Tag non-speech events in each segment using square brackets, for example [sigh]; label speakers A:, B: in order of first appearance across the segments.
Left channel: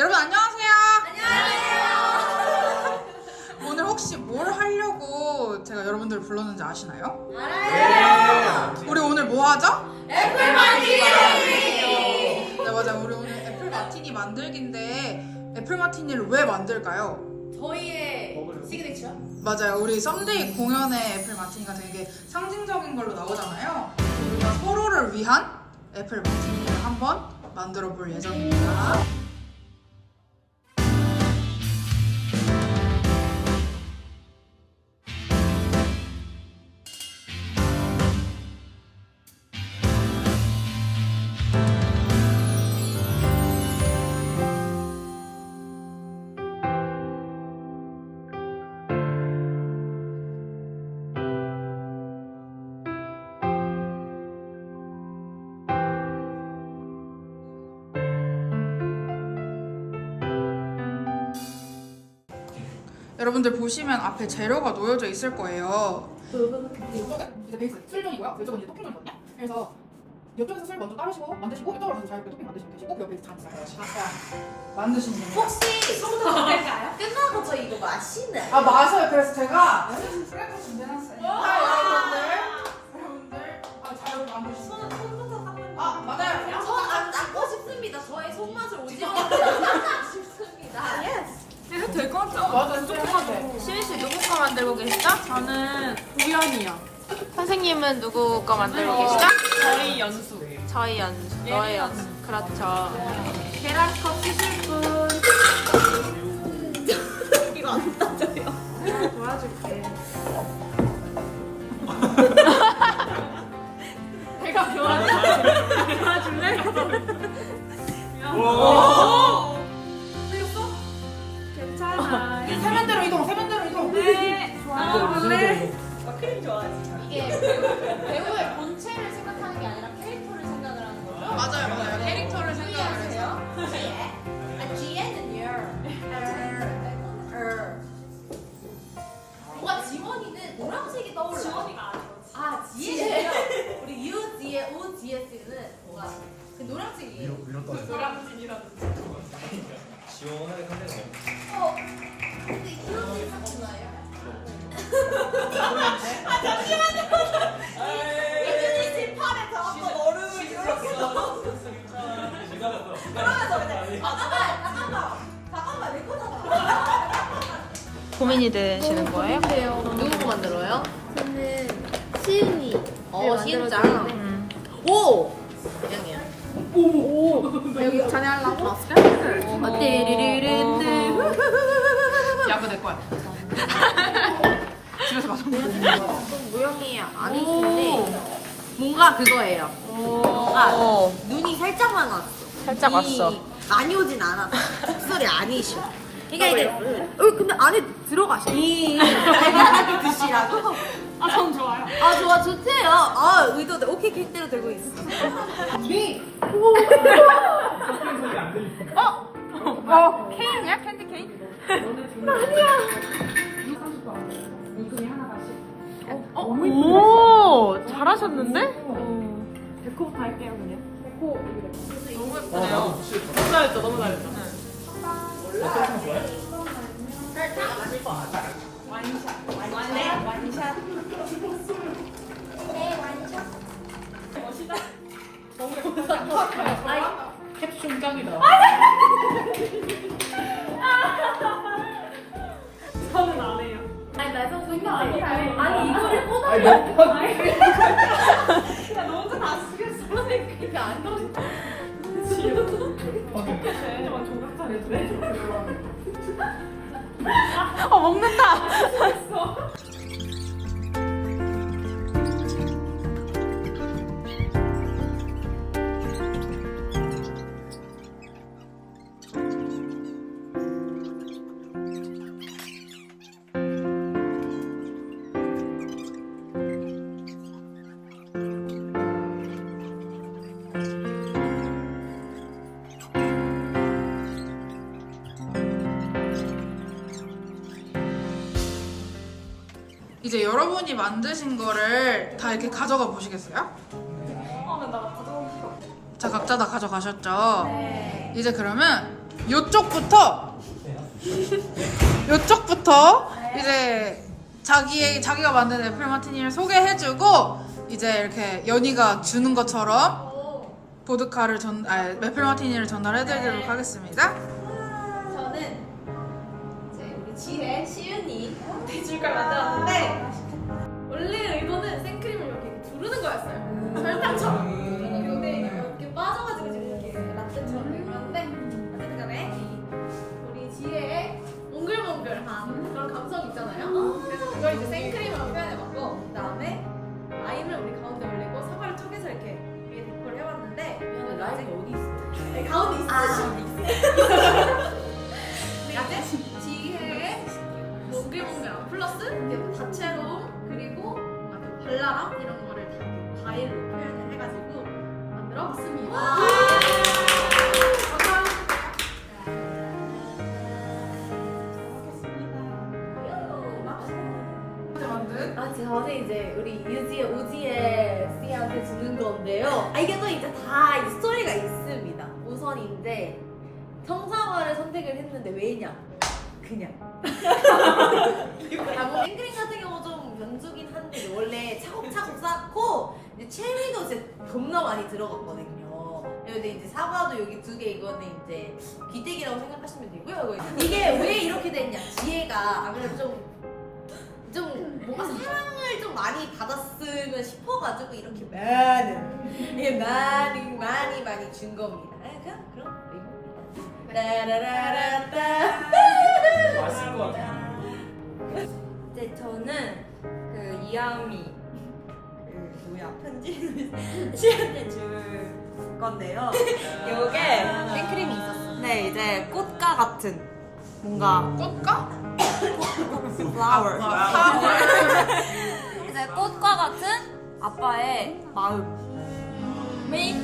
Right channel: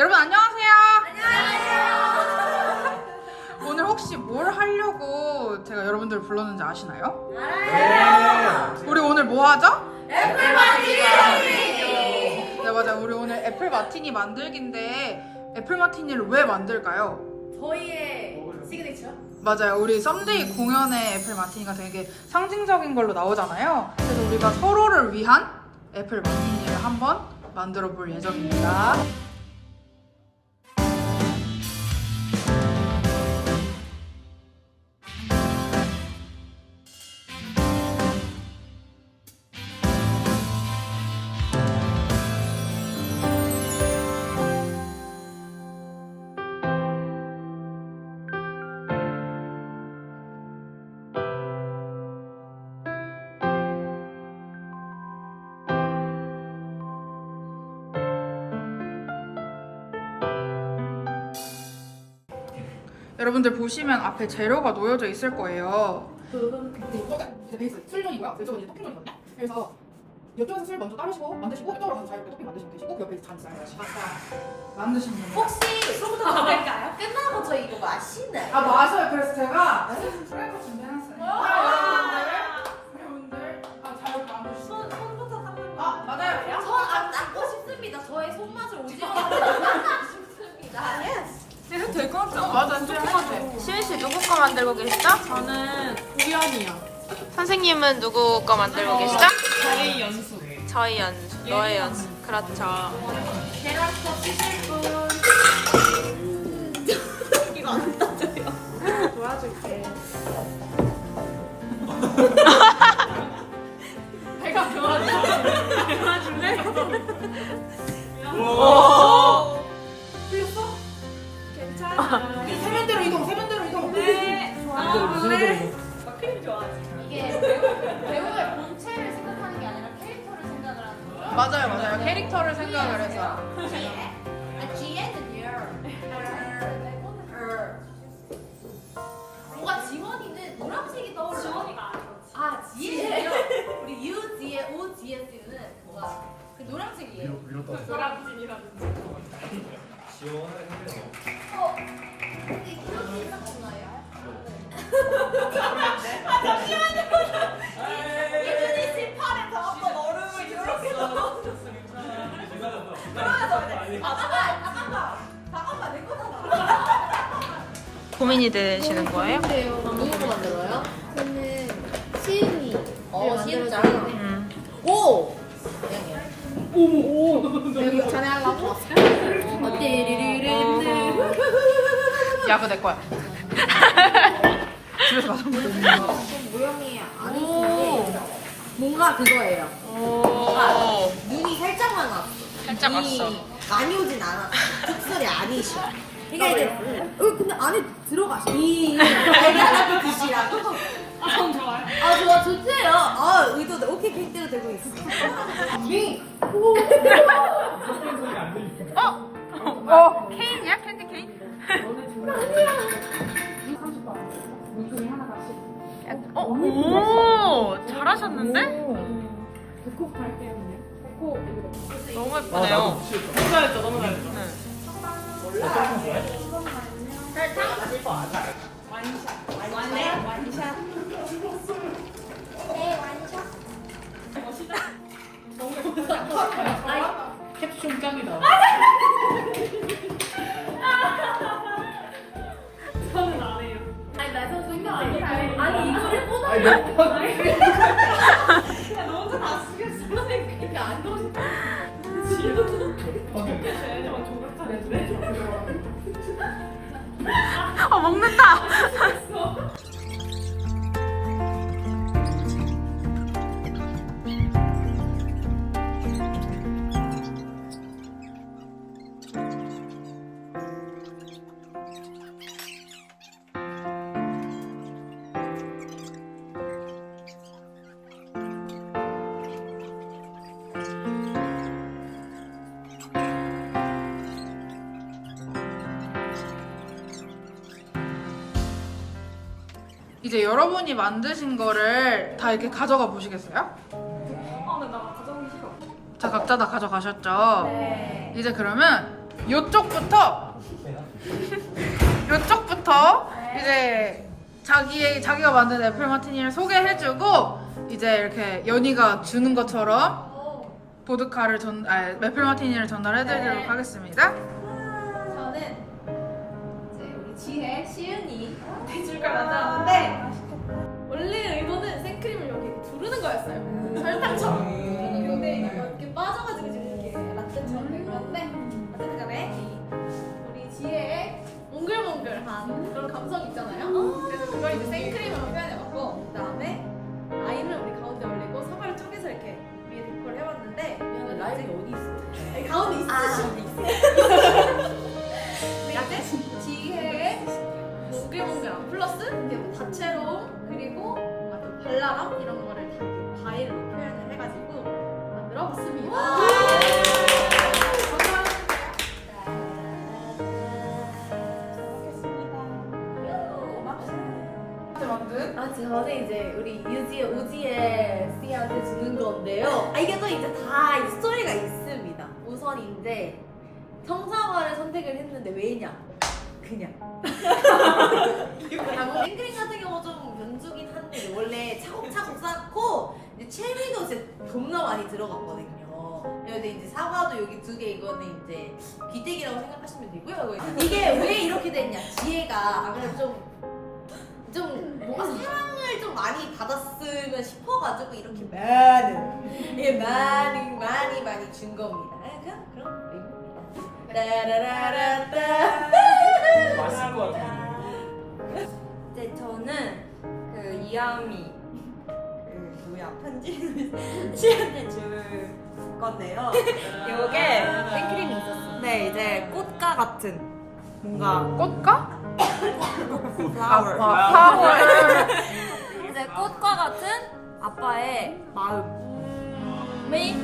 A: 여러분 안녕하세요. 안녕하세요. 오늘 혹시 뭘 하려고 제가 여러분들을 불렀는지 아시나요? 알아요. 우리 오늘 뭐 하죠? 애플 마티니. 네 맞아요. 우리 오늘 애플 마티니 만들기인데 애플 마티니를 왜 만들까요?
B: 저희의 시그니처?
A: 맞아요. 우리 썸데이 공연에 애플 마티니가 되게 상징적인 걸로 나오잖아요. 그래서 우리가 서로를 위한 애플 마티니를 한번 만들어 볼 예정입니다. 여러분들 보시면 앞에 재료가 놓여져 있을 거예요. 베이스 술전이고요. 왼쪽은 이제 토핑전이거든요. 그래서 이쪽에서 술 먼저 따르시고 만드시고 이쪽으로 가서 자유롭게 토핑 만드시면 되시고 그 옆에 잔 있어요. 만드신 분.
B: 혹시 술부터 먹을까요? 끝나고 저희 이거 마시나요?
A: 아 맞아요. 그래서 제가 술을 준비해놨어요. 여러분들 아, 잘 만드시고.
B: 손, 손부터 닦는 거
A: 아 맞아요.
B: 손안 닦고 싶습니다 저의 손맛을 [laughs] 닦고 싶습니다 예스
C: 해도 될 것 같지 않아?
A: 맞아. 조금만
C: 시은 씨 누구 거 만들고 계시죠? 저는 우연이야. 선생님은 누구 거 만들고 계시죠?
D: 저희 연수.
C: 저희 연수, 너의 연수. 그렇죠.
D: 계란컵 쓰실 분.
B: 이거 안 따져요
C: 도와줄게. [laughs]
D: 배가 좋아져. [laughs]
C: 도와줄래? 괜찮아. [laughs]
A: 세면대로 이동. 세면대로 이동.
C: 네. 도와줄래?
B: 이게 배우의 본체를 생각하는 게 아니라 캐릭터를 생각을 하는 거예요
A: 맞아요, 맞아요. 캐릭터를 생각을 해서.
B: 아 지혜는요 뭔가 지원이는 노란색이 떠올라요 지원이가 아니고 아 지혜는요 우리 U 뒤에 O 뒤에 쓰는 뭔가 그 노란색이에요
D: 노란진이라든지.
E: 지원을 상대가
B: 딱 좋아요 예준이 집 팔에 저 한번 얼음을 들었어 그러면서 이제 잠깐만 잠깐만 잠깐만 내 거잖아
C: 고민이 되시는 거예요?
B: 누구 만들어요? 저는 시은이 어 시은짱
C: 음.
B: 오! 양이야 오오 여기 자네 하려고? 어 띠리리리리
A: 야구 내 거야. [laughs]
B: 모형이 아니신데 뭔가 그거예요.
C: 오.
B: 눈이 살짝만 왔어.
C: 살짝
B: 눈이
C: 왔어.
B: 많이 오진 않았어. 특설이 아니셔. 이게 이제 어 근데 안에 들어가셔. 이. [laughs] 드시라고?
D: 아, 전 좋아요.
B: 아 좋아 좋대요. 아 의도 오케이 객대로 되고 있어. 미. [laughs]
C: 어, 케이크야? 캔디 케이크? 어, 오, 잘하셨는데?
D: 배꼽 갈게요, 그냥. 배꼽
C: 너무 예쁘네요.
D: 너무 잘했죠, 너무 잘했죠. 캡슐 짱이다. [laughs]
B: 아니 이거를 꽂아
D: 야, 너 혼자 다 쓰겠어.
B: 이게 안 넣어
D: 쟤만 조각 잘해주네.
C: 어, 먹는다!
A: 이제 여러분이 만드신 거를 다 이렇게 가져가 보시겠어요?
D: 아, 근데 나 가져오기 싫어.
A: 자, 각자 다 가져가셨죠? 이제 그러면 요쪽부터 요쪽부터 이제 자기의 자기가 만든 애플 마티니를 소개해주고 이제 이렇게 연희가 주는 것처럼 보드카를 전, 아, 애플 마티니를 전달해드리도록 하겠습니다.
B: 저는 이제 우리 지혜, 시은이 해줄 걸 만들었는데 그걸 이제 생크림으로 표현해봤고 그 다음에 라임을 우리 가운데 올리고 사과를 쪼개서 이렇게 위에 데코를 해봤는데 미안해 라임이 어디 있어? 아니, 가운데 있으시 [laughs] 근데 이제 지혜의 몽글몽글함 플러스 이제 뭐 다채로움 그리고 뭔가 좀 발랄함 이런 거를 다 이렇게 과일로 표현을 해가지고 만들어봤습니다. 아, 저는 이제 우리 유지의 우지의 씨한테 주는 건데요. 아, 이게 또 이제 다 이 스토리가 있습니다. 우선 이제 청사과를 선택을 했는데 왜냐? 그냥. 아, 뭐 생크림 같은 경우 좀 면주긴 한데 원래 차곡차곡 쌓고 이제 체리도 진짜 겁나 많이 들어갔거든요. 근데 이제 사과도 여기 두 개 이거는 이제 귀때기라고 생각하시면 되고요. 이게 왜 이렇게 됐냐? 지혜가 아무래도 좀 좀 뭔가 사랑을 좀 많이 받았으면 싶어가지고 이렇게 많은 이게 많이 많이 많이 준 겁니다. 아, 그냥 그런 의미입니다. 따라라라따.
E: 맛있을 것 같아.
F: 네, 저는 그 이하미 그 뭐야 편지 [laughs] 시한테 줄 건데요. 요게
C: 생크림이 있었어.
F: 네 이제 꽃가 같은 뭔가
A: 꽃가?
F: Flower
A: 파워.
F: 이제 꽃과 같은 아빠의 마음. make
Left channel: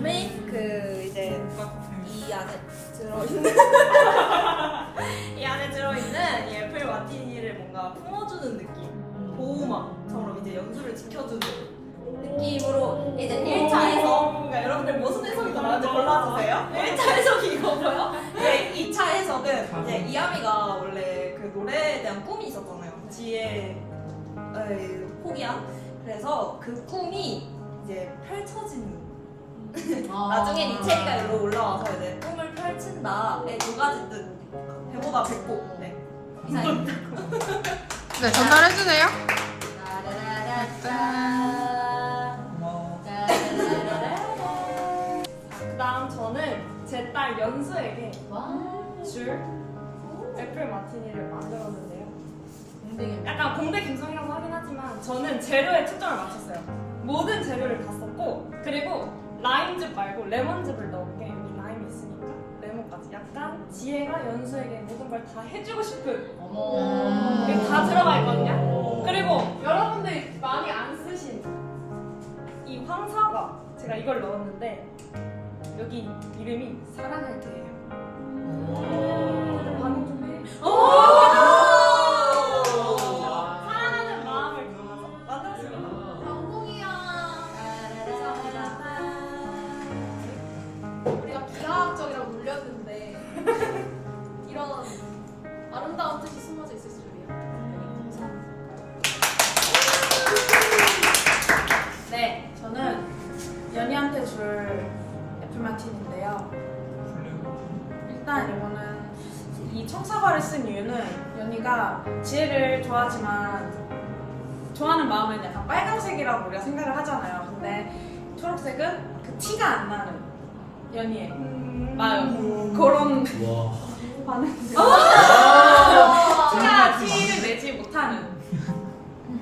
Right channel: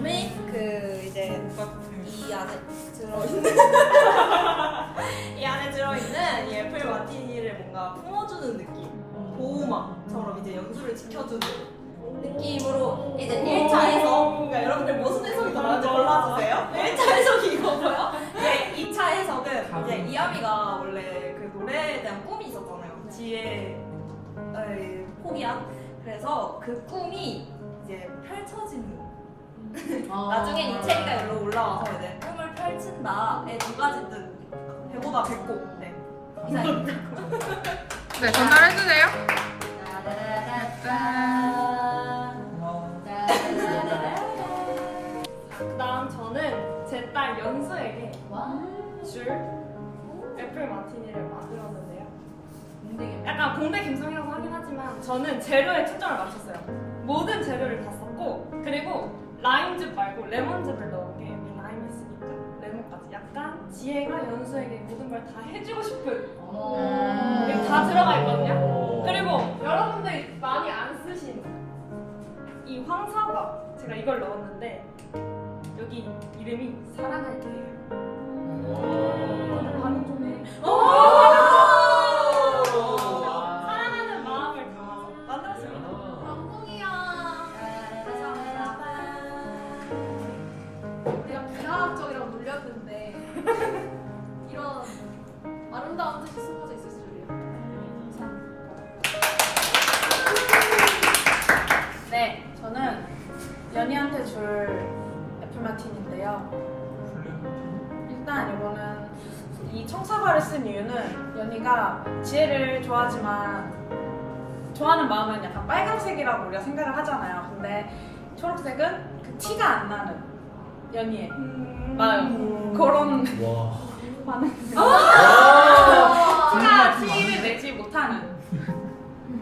F: make 그 이제 이 안에 들어 있는 [laughs] 이 안에 들어 있는 이 애플 마티니를 뭔가 품어주는 느낌. 보호막처럼 이제 연수를 지켜주는 느낌으로 이제 1차에서 그러니까 여러분들 무슨 해석이 더 나은지 골라주세요. 1차 해석이 이거고요. 이제 2차 해석은 이제 이하미가 원래 그 노래에 대한 꿈이 있었잖아요. 지혜 포기한. 그래서 그 꿈이 이제 펼쳐지는. 나중엔 이채리가 일로 올라와서 이제 꿈을 펼친다의 두 가지 뜻. 배보다 배꼽. 네. 이상입니다.
A: 네, 전달해주세요.
E: 고마워.
D: 그다음 저는 제 딸 연수에게 줄 애플 마티니를 만들었는데요. 약간 공대 감성이라고 하긴 하지만 저는 재료에 초점을 맞췄어요. 모든 재료를 다 썼고 그리고 라임즙 말고 레몬즙을 넣은 게 여기 라임이 있으니까 레몬까지 약간 지혜가 연수에게 모든 걸 다 해주고 싶은 이게 다 들어가 있거든요. 그리고 여러분들이 많이 안 쓰신 이 황사과 제가 이걸 넣었는데 여기 이름이 사랑할 때예요. 사랑하는 마음을 담아서 만들었어요.
B: 우리가 기하학적이라고 놀렸는데 이런 아름다운 뜻이 숨어져 있을 줄이야.
C: 네, 저는 연희한테 줄 애플 마틴인데요. 일단 이거는 이 청사과를 쓴 이유는 연희가 지혜를 좋아하지만 좋아하는 마음은 약간 빨간색이라고 우리가 생각을 하잖아요. 근데 초록색은 그 티가 안 나는 연희의 마음 그런
E: 와. [laughs]
C: 반응.
B: 아!
C: 티가 티를 내지 못하는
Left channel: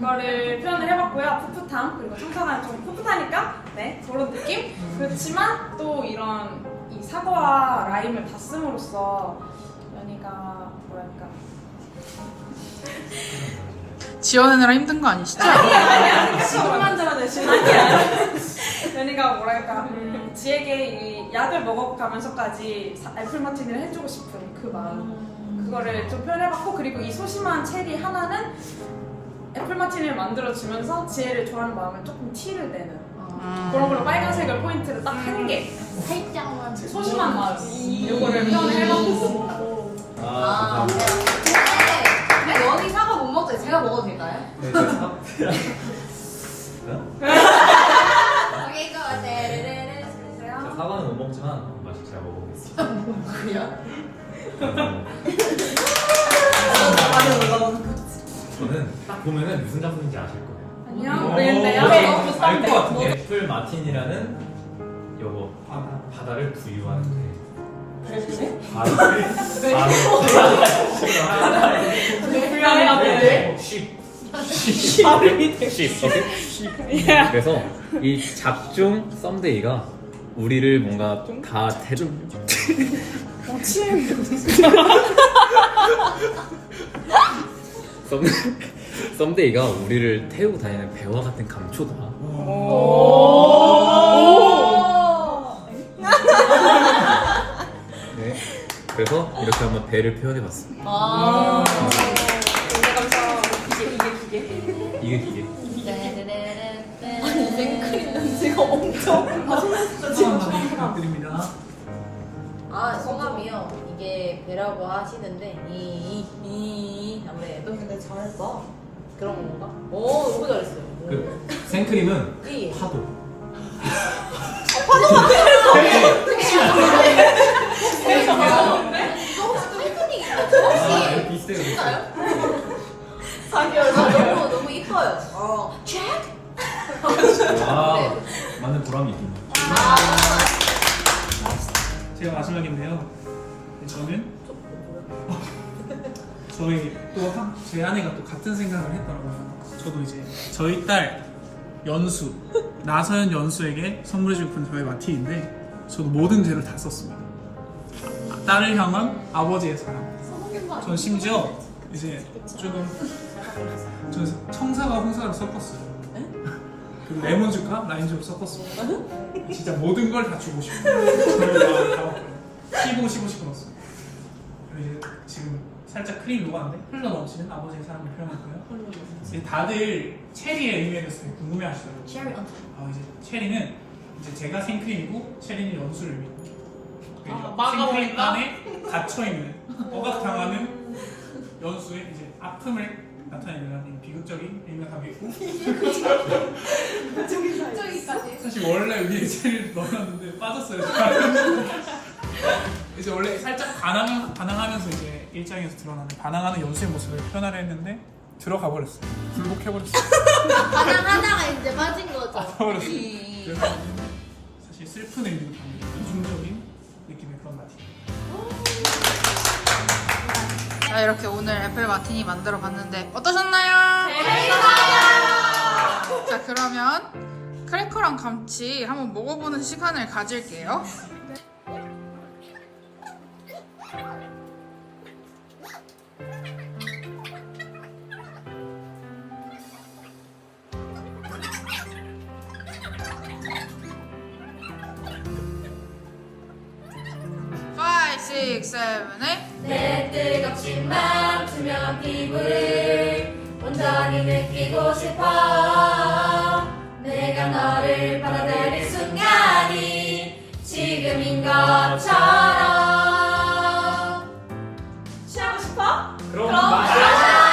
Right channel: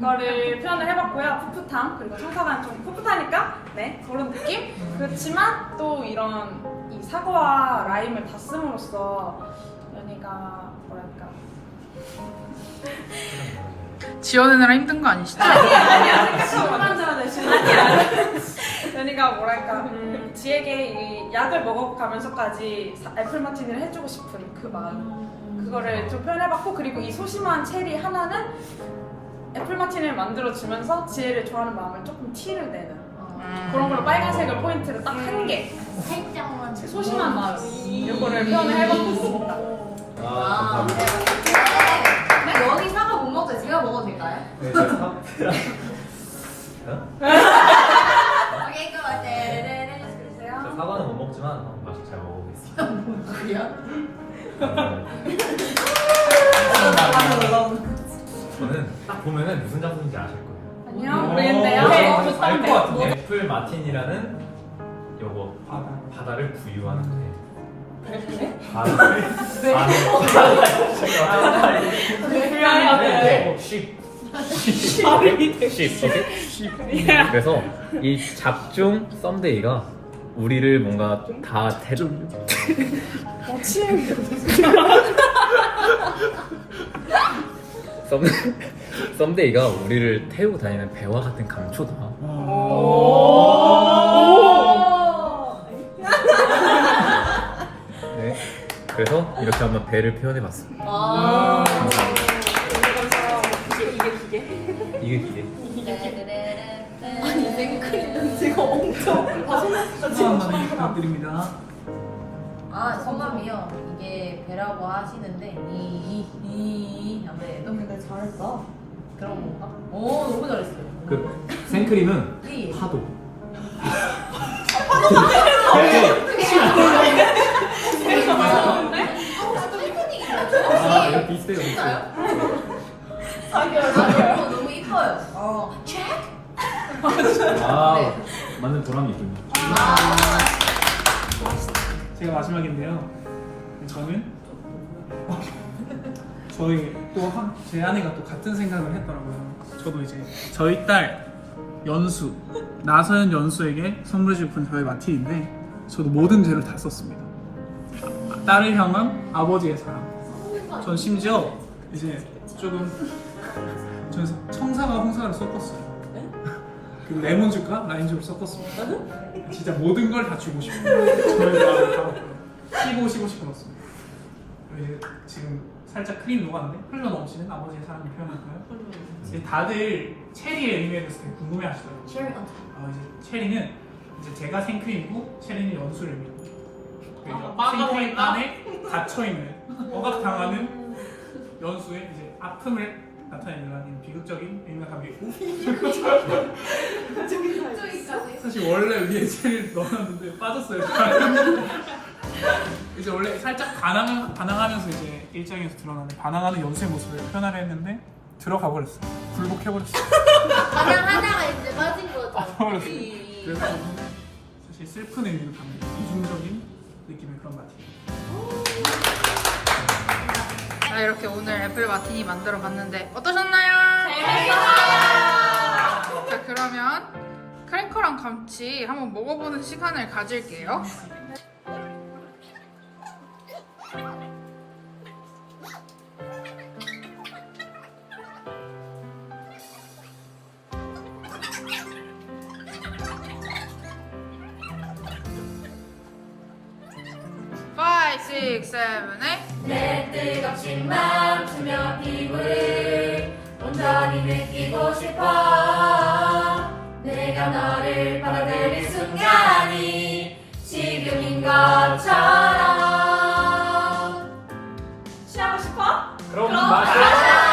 C: 거를 표현을 해봤고요. 풋풋함 그리고 청사과는 좀 풋풋하니까 네 그런 느낌. 그렇지만 또 이런 이 사과와 라임을 다 씀으로써 연희가 뭐랄까. [laughs]
A: 지어내느라 힘든 거 아니시죠?
C: 연희가 뭐랄까. 음, 지에게 이 약을 먹어가면서까지 사- 애플 마티니를 해주고 싶은 그 마음. 그거를 좀 표현해봤고 그리고 이 소심한 체리 하나는 애플 마티니를 만들어주면서 지혜를 좋아하는 마음을 조금 티를 내는
A: 음.
C: 그런 걸로 빨간색을 포인트를 딱 한 개.
B: 살짝만.
C: 제 소심한 마음. 이거를 표현을 해봤습니다.
E: 아, 감사합니다.
B: 근데 연이 사과 못 먹죠? 제가 먹어도 될까요?
E: 네, [laughs] 저 사-
B: 오케이, 고! 떼르르르.
E: 저
B: 주세요.
E: 사과는 못 먹지만 맛이 잘 먹어보겠습니다.
B: 그래요?
E: 저는 딱 보면은 무슨 작품인지 아실 거예요.
C: 안녕.
E: 네,
C: 네,
E: 알것
C: 좋던데.
E: 같은데. 애플 마틴이라는 요거 바다를 부유하는 배. 바다를
C: 불안해야 돼.
E: 쉽. 쉽. 오케이? 그래서 이 작중 썸데이가 우리를 뭔가 다 대. [laughs] [laughs] 썸 [laughs] 썸데이가 우리를 태우고 다니는 배와 같은 감초다. 네. 그래서 이렇게 한번 배를 표현해봤습니다.
B: 아.
E: 이게 기계.
B: 아니, 생크림 냄새가 엄청.
G: 부탁드립니다.
B: 아, 소감이요. 이게 배라고 하시는데, 이, 이, 이. 안 돼. 너 근데 잘했다. 그런 건가? 오, 너무 잘했어요.
E: 그 생크림은
B: 이.
E: 파도. 아, 이거 비슷해요, 비슷해요.
B: 너무, 너무 이뻐요. 어, 체크!
E: 아, 맞는 보람이 있군요.
G: 제가 마지막인데요. 저는 [laughs] 저희 또 제 아내가 또 같은 생각을 했더라고요. 저도 이제 저희 딸 연수 나서연 연수에게 선물해주고 싶은 저의 마틴인데 저도 모든 죄를 다 썼습니다. 딸을 향한 아버지의 사랑. 전 심지어 이제 조금 [laughs] 전 청사과 홍사를 섞었어요. 그리고 레몬즙과 라임즙을 섞었습니다. 진짜 모든 걸 다 주고 싶어요. 저희 마음을 다 먹고요. 15, 15씩 끊었습니다. 네, 지금 살짝 크림 녹았는데 흘러 넘치는 아버지의 사랑을 표현하고요. 이제 다들 체리의 의미에 대해서 되게 궁금해하시더라고요. 어, 이제 체리는 이제 제가 생크림이고 체리는 연수를 의미합니다.
C: 아,
G: 그러니까 생크림
C: 막아버린다?
G: 안에 gat혀 있는 억압당하는 연수의 이제 아픔을 나타내는 비극적인 의미가 담겨 있고 사실 원래 위에 체리를 넣어놨는데 빠졌어요. [laughs] 이제 원래 살짝 반항, 반항하면서 이제 일장에서 드러나는 반항하는 연수의 모습을 표현하려 했는데 들어가 버렸어요. 굴복해버렸어요.
B: 하나, 하나가 이제 빠진 거죠.
G: 빠져버렸어요.
B: 이-
G: 그래서 사실 슬픈 의미도 담긴 이중적인 느낌의 그런 맛이에요.
A: 자 이렇게 오늘 애플 마티니 만들어 봤는데 어떠셨나요? 자 그러면 크래커랑 같이 한번 먹어보는 시간을 가질게요. 6, 7, 8.
B: 내 뜨겁진 맘투며 피부를 온전히 느끼고 싶어 내가 너를 받아들일 순간이 지금인 것처럼 취하고 싶어? 그럼 마셔!